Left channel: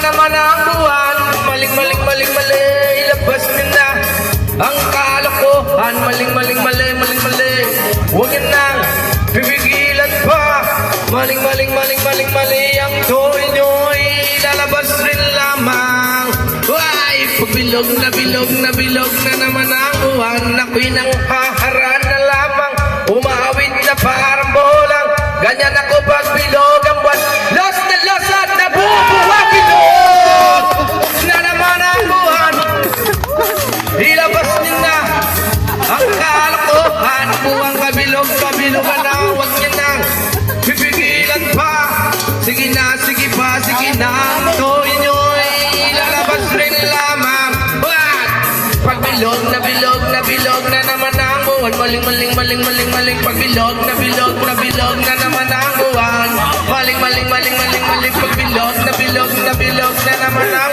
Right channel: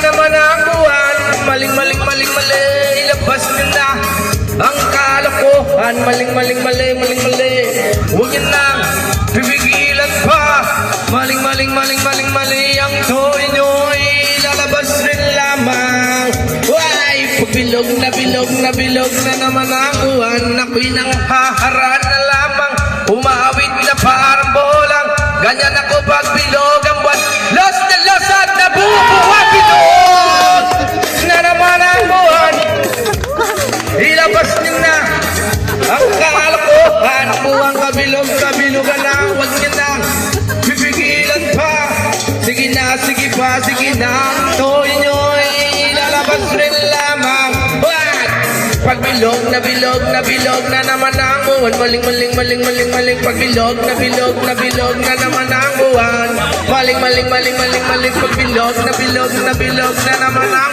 naman ang buwan. Maling, maling, maling, mali. Ilabas nyo na ang kalokohan. Maling, maling, mali, maling, mali. Huwag yun lang pipigilan pa. Maling, maling, maling, maling, mali. Ang toy nyo'y lalabas rin lamang. Ay, pagbilog na bilog na naman ang buwan. Ako'y nang haharaan na lamang. Umawit na parang bolang. Ganyan ako pagbilog ang buwan. Los na los at nabubuha bilog na naman ang buwan. Ilabas niyo na ang kalokohan. Buwang kabilog-kabilogan na. Huwag niyo nang pipigilan pa. Sige na, sige pa, sige na. Toy nyo'y lalabas rin lamang. What? Pagbilog na naman ang buwan. Maling, maling, maling, maling, maling. Pagbilog na naman ang buwan. Maling, maling, maling, maling, maling. Pagbilog na naman ang